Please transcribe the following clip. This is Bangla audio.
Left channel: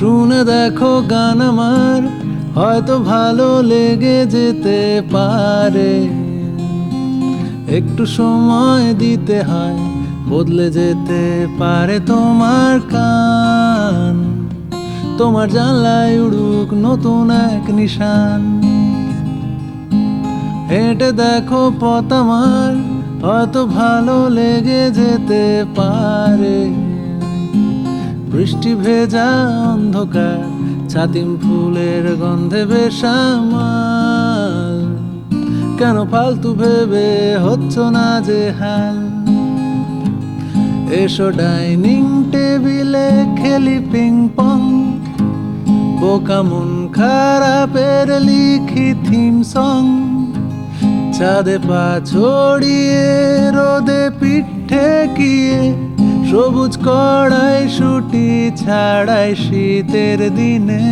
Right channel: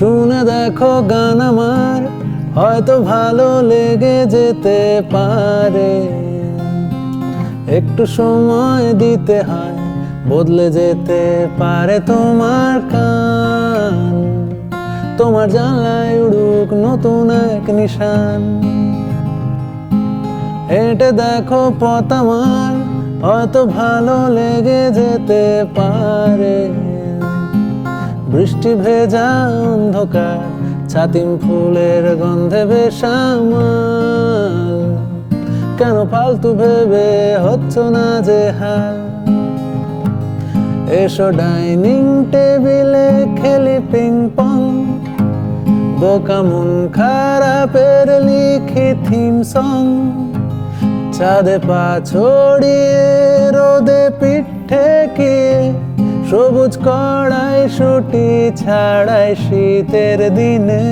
শুনে দেখো গান আমার, হয়তো ভালো লেগে যেতে পারে। একটু সময় দিতে হয়, বদলে যেতে পারে তোমার কান। তোমার জানলায় উড়ুক নতুন এক নিশান। হেঁটে দেখো পথ আমার, হয়তো ভালো লেগে যেতে পারে। বৃষ্টি ভেজা অন্ধকার, ছাতিম ফুলের গন্ধে বেসামাল। কেন ফালতু ভেবে হচ্ছ না যে হাল। এসো ডাইনিং টেবিলে খেলি পিং পং, বোকা মন খারাপের লিখি থিম সং। চাঁদে পা ছড়িয়ে রোদে পিঠ থেকে, সবুজ কড়াই শুটি ছাড়াই শীতের দিনে।